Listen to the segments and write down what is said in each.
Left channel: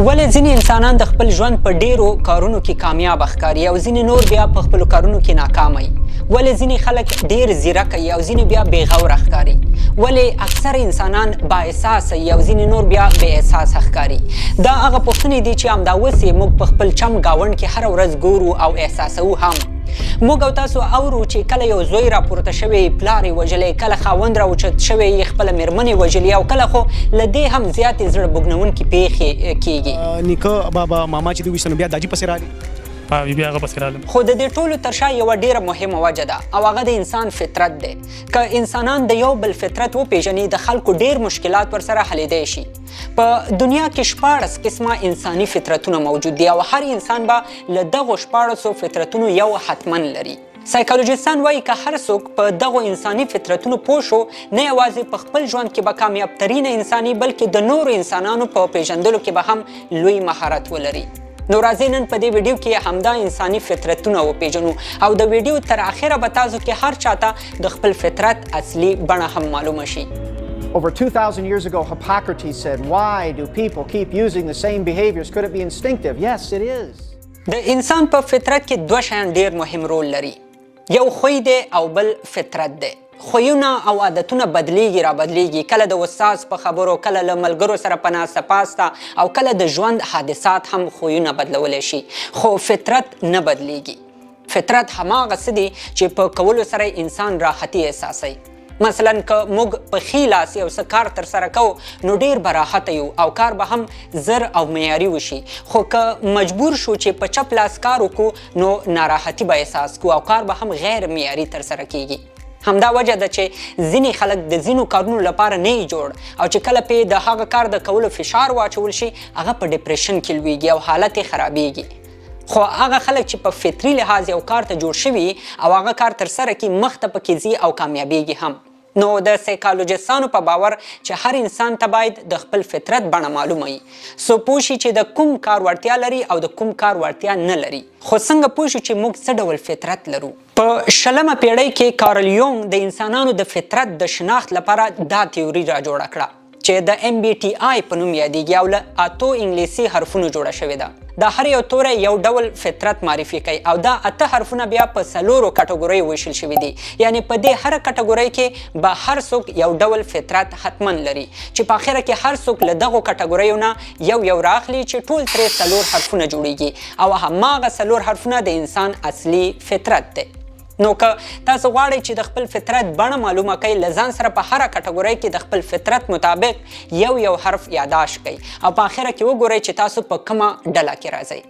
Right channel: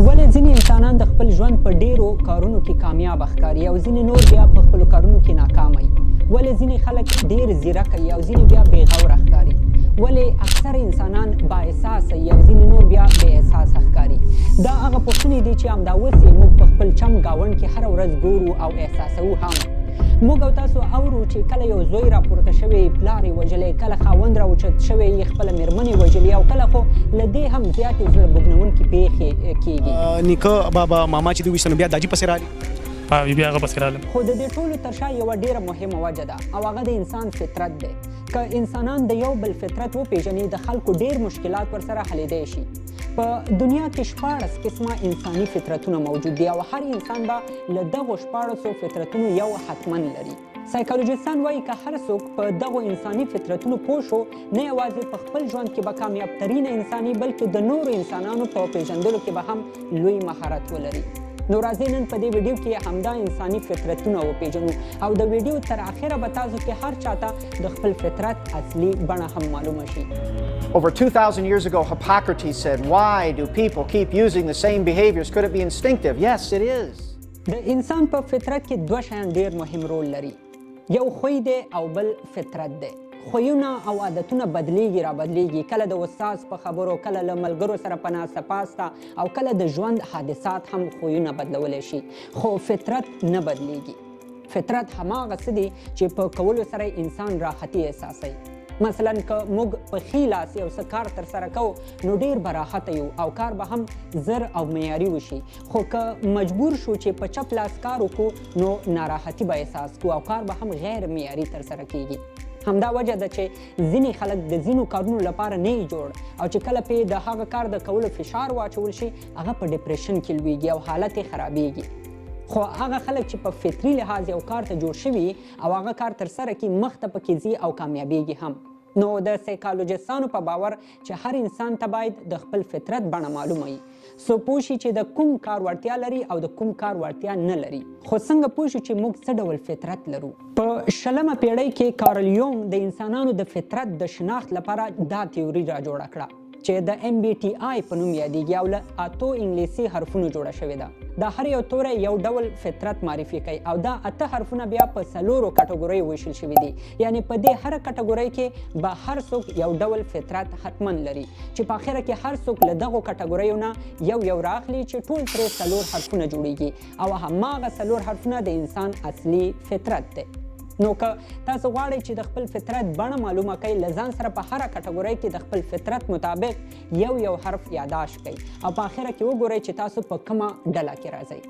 ولې ځینې انسانان د خپل ژوند په ډیرو کارونو کې کامیاب ښکاري او ځینې نور بیا په خپلو کارونو کې ناکام وي؟ ولې ځینې خلک ډیر ځیرک وي او ځینې بیا بې غوره ښکاري؟ ولې اکثر انسانان با احساسه وي او ځینې نور بیا بې احساسه ښکاري؟ دا هغه پوښتنې دي چې همدا اوس یې موږ په خپل چم ګاونډ کې هره ورځ ګورو او احساسوو هم. موږ او تاسو اورو چې کله یو زوی راپورته شوی پلار یې وژلی، کله خاوند راوچت شوی یې خپله مېرمن یې وژلي، او کله خو له دې هم زیاتې زړه بوږنونکې پیښې کیږي. نیکه بابا ماما چې دوی ویشته نو بیا داجي پسې رالي، بیا هغه پسې رالم. خو د دې ټولو تر شا یوه ډیره مهمه وجه ده او هغه د انسان فطرت دی. که انسانان د یو بل فطرت وپیژني، د خلکو ډیر مشکلات ورسره حلیدی شي. په دنیا کې 14 قسمه انساني فطرتونه موجود دي او هر انسان به له دغو 14 فطرتونو یو حتمن لري. سایکالوجیستان وایي که هر څوک په دغو انساني فطرتونو پوه شو، نه یوازې په خپل ژوند کې به کامیاب ترینه انساني، بلکې د نورو انسانانو په پیژندلو کې به هم لوی مهارت ولري. نو راځئ نن په دې ویډیو کې همدا انساني فطرتونه وپیژنو او د ویډیو تر اخره به تاسو کې هر چاته د خپل فطرت اصلي بڼه هم معلومه شي. Over 2,000 years ago, Hippocrates said, "Why do people keep using the same behaviors? Could it be instinctive?" Yes, it is. د انسان په فطرت کې دوه شیان ډیر مهم رول لري. یو خوی دی او بل فطرت دی. خویونه او عادتونه بدلیږي را بدلیږي، کله د استاد په خبرو، کله له ملګرو سره په ناسته پاسته او کله د ژوند حادثات هم خویونه بدلولی شي، خو فطرت نه بدلیږي. فطرت هماغه څه دي چې په کولو سره انسان راحتي احساسوي. مثلا که موږ په ښي لاس یو څه کار ترسره کوو نو ډیر به راحته یو او کار به هم زر او معیاري وشي، خو که مجبور شو چې په چپ لاس کار وکړو نو ناراحتي به احساس کوو او کار به هم غیر معیاري ترسره کیږي. همدا وجه ده چې ځینې خلک د ځینو کارونو لپاره نه جوړ او چې کله پې د هغه کار د کولو فشار واچول شي، هغه په ډپریشن کې لویږي او حالت یې خرابیږي. خو هغه خلک چې په فطري لحاظ یو کار ته جوړ شوي او هغه کار ترسره کړي، مخ ته پکې ځي او کامیابیږي هم. نو د سایکالوجیستانو په باور چې هر انسان ته باید د خپل فطرت بڼه معلومه وي، څو پوه شي چې د کوم کار وړتیا لري او د کوم کار وړتیا نه لري. خو څنګه پوه شو چې موږ څه ډول فطرت لرو؟ په 20مه پیړۍ کې کارل یونګ د انسانانو د فطرت د شناخت لپاره دا تیوري را جوړه کړه چې د MBTI په نوم یادیږي او له 8 انګلیسي حرفونو جوړه شوې ده. دا هر یو توری یو ډول فطرت معرفي کوي او دا 8 حرفونه بیا په 4 کټګوریو ویشل شوي دي. یعنی په دې هر کټګورۍ کې به هر څوک یو ډول فطرت حتمن لري چې په اخره کې هر څوک له دغو کټګوریو نه یو راخلي چې ټول ترې 4 حرفونه جوړیږي او هماغه 4 حرفونه د انسان اصلي فطرت دی. نو که تاسو غواړئ چې د خپل فطرت بڼه معلومه کړئ، له ځان سره په هره کټګورۍ کې د خپل فطرت مطابق یو حرف یاداشت کړئ او په آخره کې وګورئ چې تاسو په کومه ډله کې راځئ.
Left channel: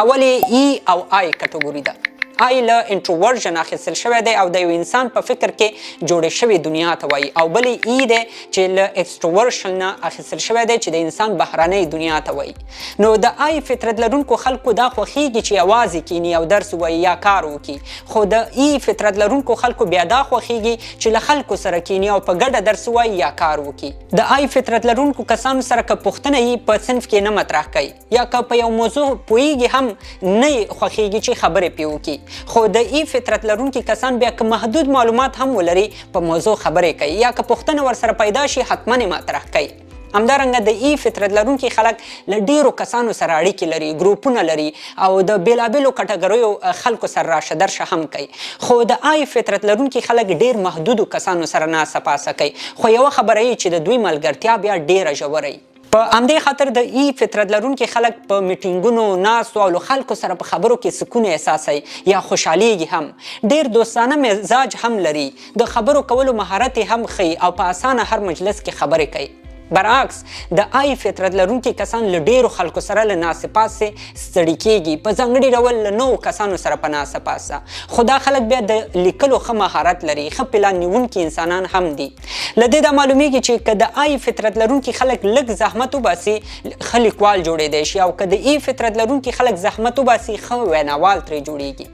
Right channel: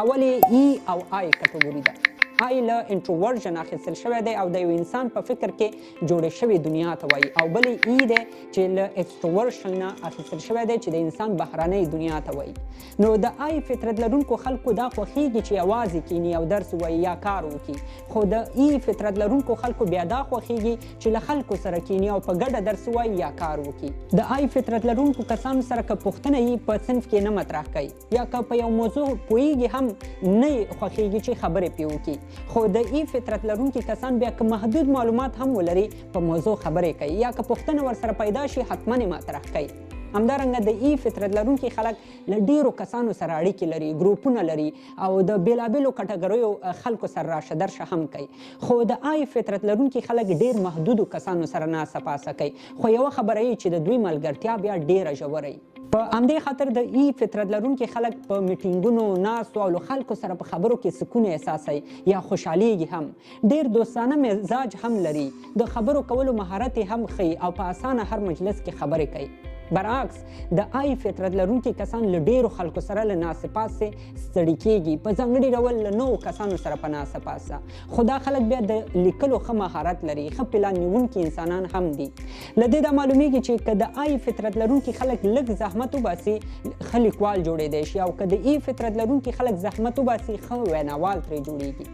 اول یې ای او آی کټګوري ده. آی له انټروورژن اخیستل شوی دی او د یو انسان په فکر کې جوړې شوې دنیا ته وایي، او بل ای دی چې له ایکسټروورژن نه اخیستل شوی دی چې د انسان بهرنۍ دنیا ته وایي. نو د آی فطرت لرونکو خلکو دا خوښیږي چې یوازې کینی او درس ووایي یا کار وکړي، خو د ای فطرت لرونکو خلکو بیا دا خوښیږي چې له خلکو سره کینی او په ګډه درس ووایي یا کار وکړي. د آی فطرت لرونکو کسانو سره که پوښتنه یې په صنف کې نه مطرح کوي یا که په یو موضوع پوهیږي هم نه خوښیږي چې خبرې پرې وکړي، خو د ای فطرت لرونکي کسان بیا که محدود معلومات هم ولري په موضوع خبرې کوي یا که پوښتنه ورسره پیدا شي حتما یې مطرح کوي. همدارنګه د ای فطرت لرونکي خلک له ډیرو کسانو سره اړیکې لري، ګروپونه لري او د بیلابیلو کټګوریو خلکو سره راشه درشه هم کوي. خو د آی فطرت لرونکي خلک ډیر محدودو کسانو سره ناسته پاسه کوي، خو یوه خبره یې چې د دوی ملګرتیا بیا ډیره ژوره وي. په همدې خاطر د ای فطرت لرونکي خلک په میټینګونو ناستو او له خلکو سره په خبرو کې سکون احساسوي یا خوشحالیږي هم. ډیر دوستانه مزاج هم لري، د خبرو کولو مهارت هم ښیي او په اسانه هر مجلس کې خبرې کوي. برعکس د آی فطرت لرونکي کسان له ډیرو خلکو سره له ناستې پاسې ستړي کیږي، په ځانګړي ډول له نوو کسانو سره په ناسته پاسه. خو دا خلک بیا د لیکلو ښه مهارت لري، ښه پلان نیونکي انسانان هم دي. له دې دا معلومیږي چې که د آی فطرت لرونکي خلک لږ زحمت وباسي، ښه لیکوال جوړیدی شي او که د ای فطرت لرونکي خلک زحمت وباسي، ښه ویناوال ترې جوړیږي.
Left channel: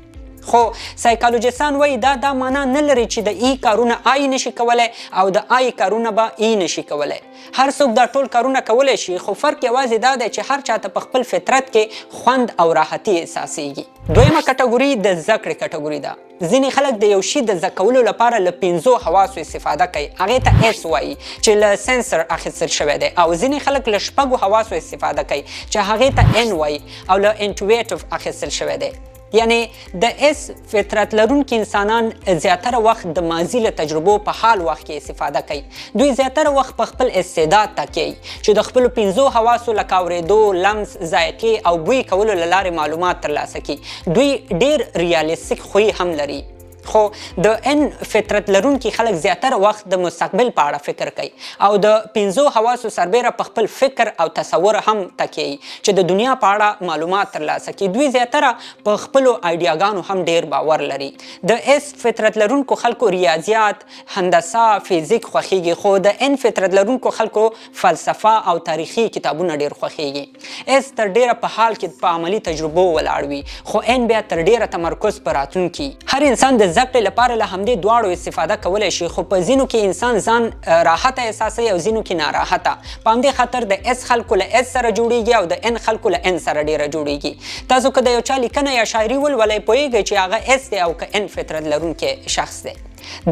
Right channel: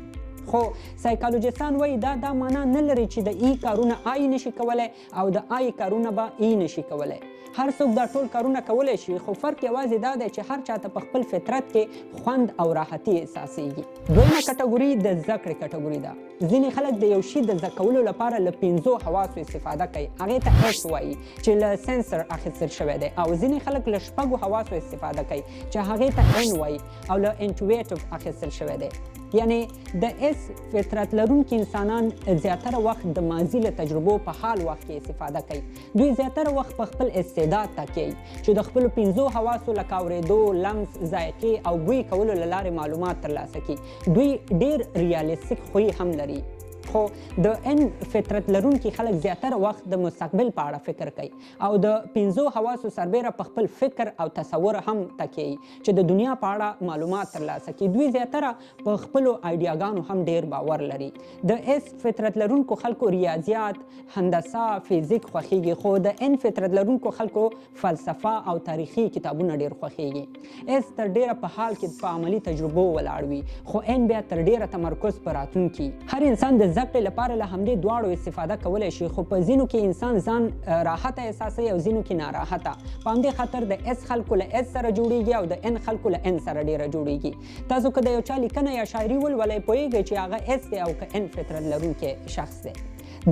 خو سایکالوجستان وایي دا معنا نه لري چې د ای کارونه آی نشي کولی او د آی کارونه به ای نشي کولی. هر څوک دا ټول کارونه کولی شي، خو فرق یوازې دا دی چې هر چاته په خپل فطرت کې خوند او راحتي احساسیږي. دویمه کټګوري د زده کړې کټګوري ده. ځینې خلک د یو شي د زده کولو لپاره له 5 حواسو استفاده کوي، هغې ته اس وایي چې له سنسر اخیستل شوی دی، او ځینې خلک له 6 حواسو استفاده کوي چې هغې ته ان وایي او له انټویټیو اخیستل شوی دی. یعنی د اس فطرت لرونکي انسانان زیاتره وخت د ماضي له تجربو په حال وخت کې استفاده کوي. دوی زیاتره وخت په خپل استعداد تکیه چې د خپلو 5 حواسو لکه اورېدو، لمس، ذایقې او بوی کولو له لارې معلومات ترلاسه کوي. دوی ډیر ریالیستیک خوی هم لري. خو د ان فطرت لرونکي خلک زیاتره وخت د مستقبل په اړه فکر کوي او د 5 حواسو سربیره په خپل فکر او تصور هم تکیه چې د دنیا په اړه معلومات ترلاسه کړي. دوی زیاتره په خپلو آیډیاګانو هم ډیر باور لري. د اس فطرت لرونکو خلکو ریاضیات، هندسه، فیزیک خوښیږي، خو د ان فطرت لرونکو خلکو فلسفه او تاریخي کتابونه ډیر خوښیږي. اس تر ډیره په حال کې په عملی تجربو ولاړ وي، خو ان بیا تر ډیره تمرکز پر راتلونکي. هر انسان د زده کړې لپاره له همدې دواړو استفاده کولی شي، خو په ځینو کې انسان ځان راحته احساسوي او ځینو کې ناراحته. په همدې خاطر د اس خلکو له اس سره جوړیږي او د ان خلکو له ان سره ډیره جوړیږي. تاسو که د یو چا لیکنه یا شاعري ولولئ پوهیږئ چې هغه اس دی او که ان فطرت لرونکی شخص دی.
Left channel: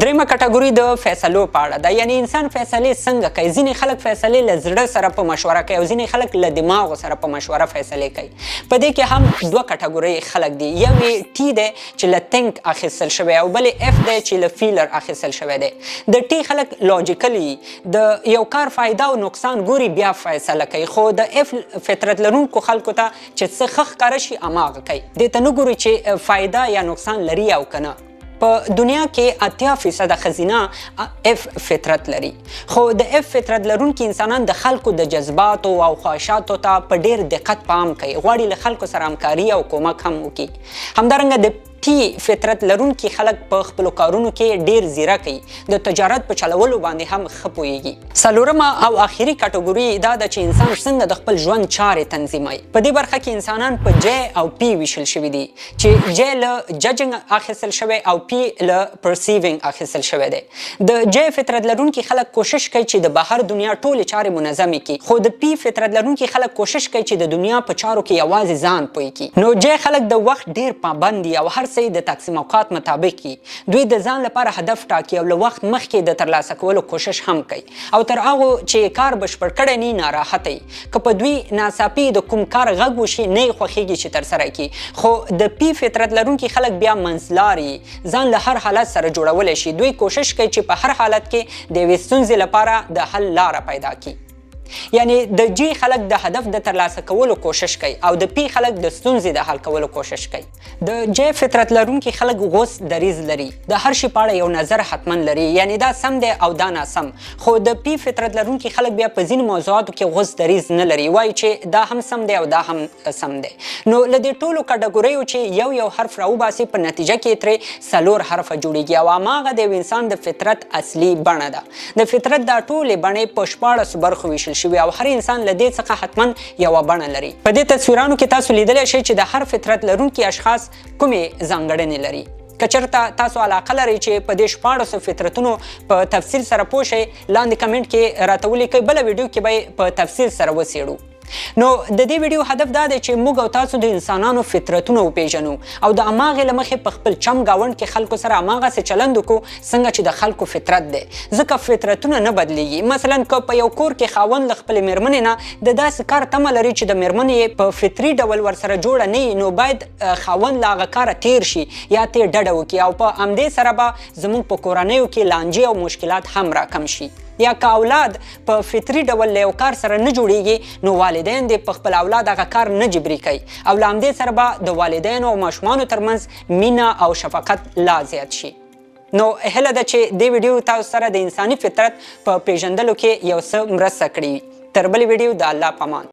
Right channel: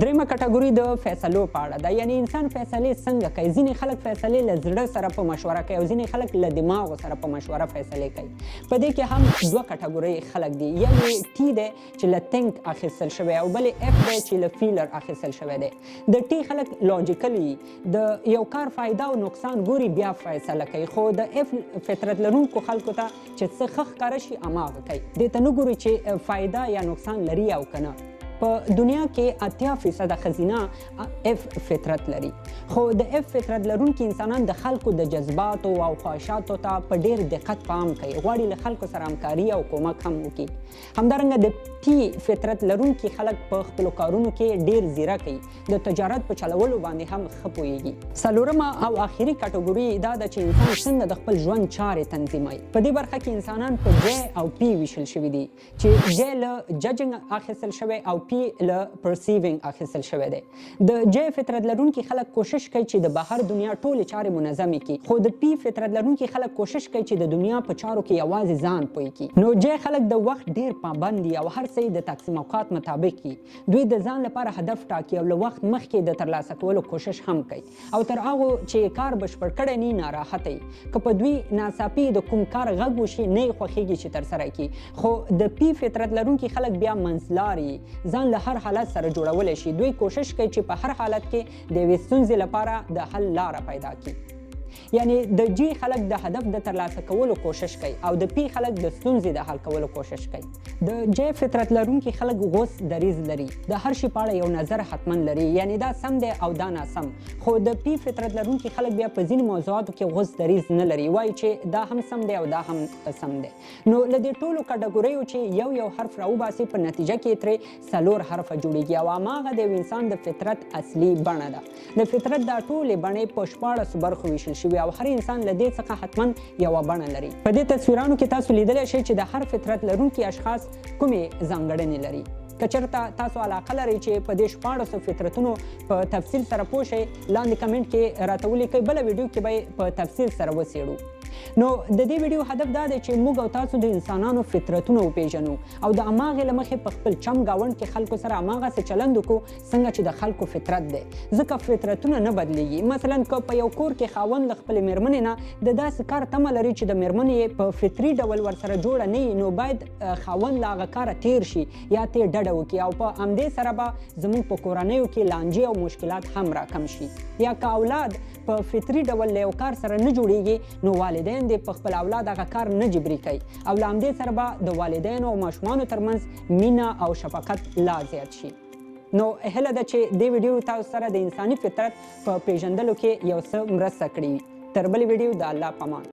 دریمه کټګوري د فیصلو په اړه ده. یعنی انسان فیصلې څنګه کوي. ځینې خلک فیصلې له زړه سره په مشوره کوي او ځینې خلک له دماغو سره په مشوره فیصلې کوي. په دې کې هم 2 کټګوري خلک دي. یو یې ټي دی چې له تینک اخیستل شوی او بل یې اف دی چې له فیلر اخیستل شوی دی. د ټي خلک لاجیکلی د یو کار فایده او نقصان ګوري بیا فیصله کوي، خو د اف فطرت لرونکو خلکو ته چې څه ښه ښکاره شي هماغه کوي. دې ته نه ګوري چې فایده یا نقصان لري او که نه. په دنیا کې 80% خزینه اف فطرت لري، خو د اف فطرت لرونکي انسانان د خلکو د جذباتو او خواهشاتو ته په ډیر دقت پام کوي، غواړي له خلکو سره همکاري او کومک هم وکړي. همدارنګه د ټي فطرت لرونکي خلک په خپلو کارونو کې ډیر زیرک وي، د تجارت په چلولو باندې هم ښه پوهیږي. څلورمه او آخري کټګوري دا ده چې انسان څنګه د خپل ژوند چارې تنظیموي. په دې برخه کې انسانان په جی او پی ویشل شوي دي، چې جی له ججنګ اخیستل شوی او پی له پرسیوینګ اخیستل شوی دی. د جی فطرت لرونکي خلک کوشش کوي چې د بهر دنیا ټولې چارې منظمې کړي، خو د پی فطرت لرونکي خلک کوشش کوي چې د دنیا په چارو کې یوازې ځان پوه کړي. نو جی خلک د وخت ډیر پابند دي او هر څه د تقسیم اوقات مطابق کی. دوی د ځان لپاره هدف ټاکي او له وخت مخکې د ترلاسه کولو کوشش هم کوي او تر هغه چې کار بشپړ کړی نه ناراحته وي. که په دوی ناڅاپي د کوم کار غږ وشي نه یې خوښیږي چې ترسره کړي، خو د پی فطرت لرونکي خلک بیا منځلاري ځان له هر حالت سره جوړولی شي. دوی کوشش کوي چې په هر حالت کې د یوې ستونزې لپاره د حل لاره پیدا کړي. یعنی د جی خلک د هدف د ترلاسه کولو کوشش کوي او د پی خلک د ستونزې د حل کولو کوشش کوي. د جی فطرت لرونکي خلک غوس دریز لري، د هر شي په اړه یو نظر حتما لري، یعنی دا سم دی او دا ناسم. خو د پی فطرت لرونکي خلک بیا په ځینو موضوعاتو کې غوس دریز نه لري، وایي چې دا هم سم دی او دا هم سم دی. نو له دې ټولو کټګوریو چې یو حرف راوباسي په نتیجه کې ترې 4 حرفه جوړیږي او هماغه د یو انسان د فطرت اصلي بڼه ده. د فطرت دا ټولې بڼې په 14 برخو ویشل شوي او هر انسان له دې څخه حتما یوه بڼه لري. په دې تصویرانو کې تاسو لیدلی شئ چې د هر فطرت لرونکي اشخاص کومې ځانګړنې لري. که چېرته تاسو علاقه لرئ چې په دې 14 فطرتونو په تفصیل سره پوه شئ، لاندې کمنټ کې راته ولیکئ، بله ویډیو کې به یې په تفصیل سره وڅېړو. نو د دې ویډیو هدف دا دی چې موږ او تاسو د انسانانو فطرتونه وپیژنو او د هماغې له مخې په خپل چم ګاونډ کې خلکو سره هماغسې چلند وکړو څنګه چې د خلکو فطرت دی. ځکه فطرتونه نه بدلیږي. مثلا که په یو کور کې خاوند له خپلې مېرمنې نه د داسې کار تمه لري چې د مېرمنې یې په فطري ډول ورسره جوړه نه وي، نو باید خاوند له هغه کاره تیر شي یا ترې ډډه وکړي او په همدې سره به زموږ په کورنیو کې لانجې او مشکلات هم راکم شي. یا که اولاد په فطري ډول له یو کار سره نه جوړیږي، نو والدین دې په خپل اولاد هغه کار نه جبري کوي او له همدې سره به د والدینو او ماشومانو ترمنځ مینه او شفقت لا زیات شي. نو هیله ده چې دې ویډیو تاسو سره د انساني فطرت په پیژندلو کې یو څه مرسته کړې وي. تر بلې ویډیو د الله په امان.